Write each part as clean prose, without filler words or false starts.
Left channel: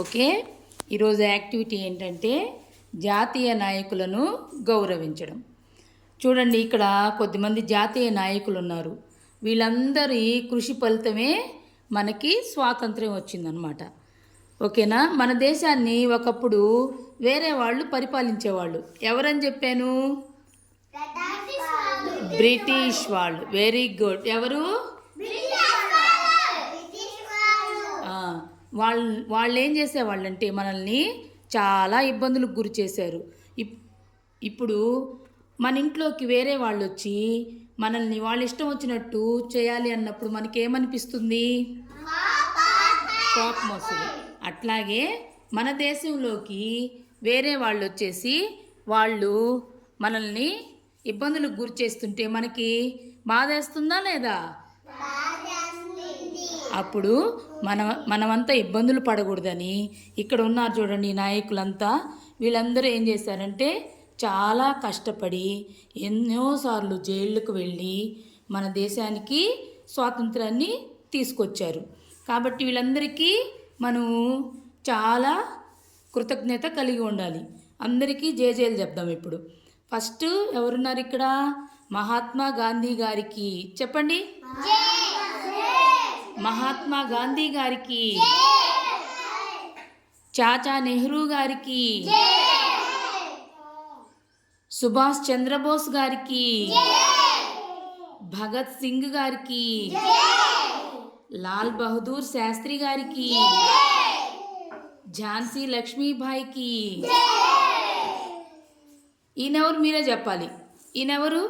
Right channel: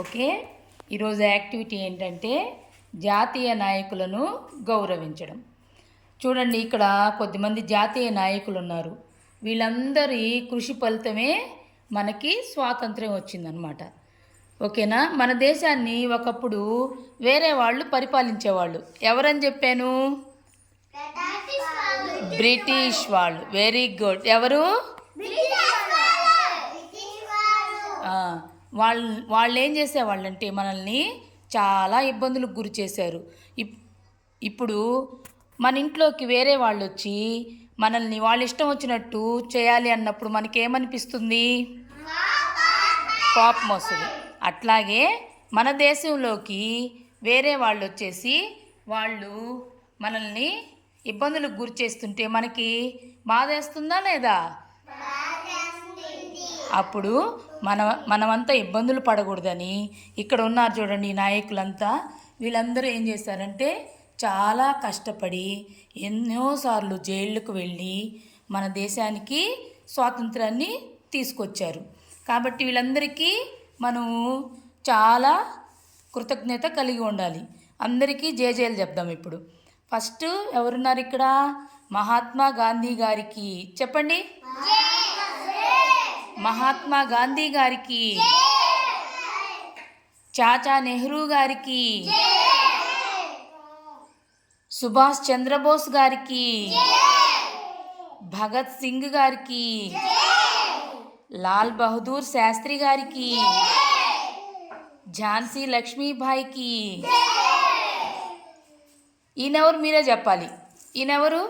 Okay, ఈరోజు activity ఏంటంటే జాతీయ నాయకులను గౌరవించడం. చూడండి, ఇక్కడ కొద్దిమంది జాతీయ నాయకులు ఉన్నారు. వీళ్ళందరి కృషి ఫలితమే మనకి స్వాతంత్ర్యం వచ్చిందనమాట. ఓకేనా. మన దేశాన్ని ఒకప్పుడు వేరే వాళ్ళు పరిపాలించేవాళ్ళు. ఎవరని చెప్పాను? బ్రిటిష్ వాళ్ళు. Very good. ఎవరు? వాళ్ళు ఏం చేసేవాళ్ళంటే మనల్ని చాలా ఇబ్బందులకు గురి చేశారు. ఇప్పుడు మన ఇంట్లోకి వేరే వాళ్ళు వచ్చి మనల్ని వాళ్ళ ఇష్టం వచ్చినట్టు చేయాలి అన్నప్పుడు మనకేమనిపిస్తుంది? కోపం వస్తుంది. అట్లాగే మన దేశంలోకి వేరే వాళ్ళు వచ్చేసి వాళ్ళు మనల్ని ఇబ్బందులకు గురి చేస్తుంటే మనకి బాధేస్తుందా లేదా? అప్పుడు మనమంతా ఇబ్బందులు పడకూడదని ఇక్కడ ఉన్నారు చూడండి ఈ నాయకులంతా. వీళ్ళందరూ ఏం చేశారంటే చాలా కష్టపడి ఎన్నోసార్లు జైళ్ళకు వెళ్ళి మన దేశానికి స్వాతంత్రాన్ని తీసుకొచ్చారు. కాబట్టి వీళ్ళందరికీ మనము చాలా కృతజ్ఞత కలిగి ఉండాలి. అందరికీ జేజేలు చెప్దాం. ఇప్పుడు ఫస్ట్ ఎవరున్నారు ఇక్కడ? మహాత్మా గాంధీ గారికి చెప్పండి. మహాత్మా గాంధీ గారికి, చాచా నెహ్రూ గారికి, సుభాష్ చంద్రబోస్ గారికి, భగత్ సింగ్ గారికి, లాల్ బహదూర్ శాస్త్రి గారికి, ఝాన్సీ లక్ష్మీబాయికి. ఈయనెవరు? మీరే చెప్పాలి. ఈయనెవరు?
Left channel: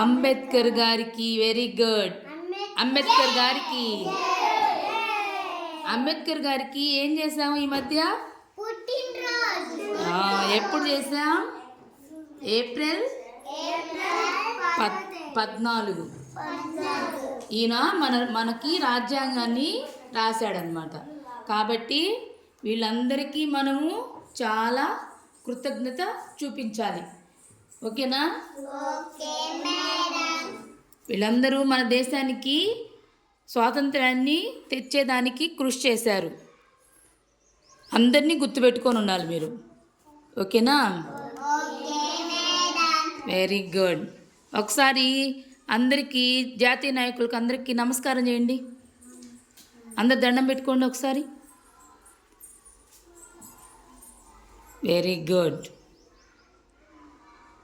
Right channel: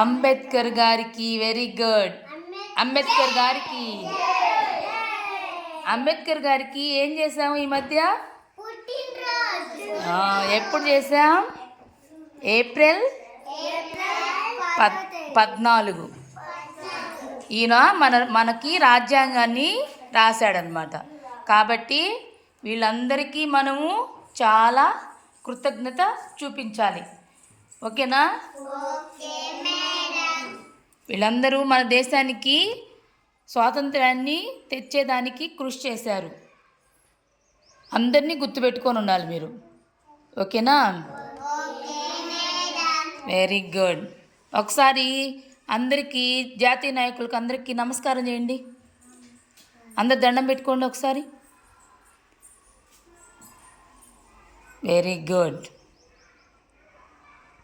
అంబేద్కర్ గారికి. Very good. అంబేద్కర్ గారికి. అంబేద్కర్ గారికి ఏం చేసాము ఈ మధ్య? ఎప్పుడు చేసాం? ఏప్రిల్ 14. ఈయన మనకి రాజ్యాంగాన్ని రాశాడనమాట. కాబట్టి వీళ్ళందరికీ మనము చాలా కృతజ్ఞత చూపించాలి. ఓకేనా? వీళ్ళందరూ మన దేశానికి స్వాతంత్రాన్ని తెచ్చేదానికి కృషి చేశారు. అందరినీ గుర్తుపెట్టుకొని ఉండాలి మీరు. ఓకేనా? Very good. ఒకసారి అందరికీ, జాతీయ నాయకులకు అందరికీ నమస్కారం చేయండి. అందరు దండం పెట్టుకోండి ఒకసారి. Very good.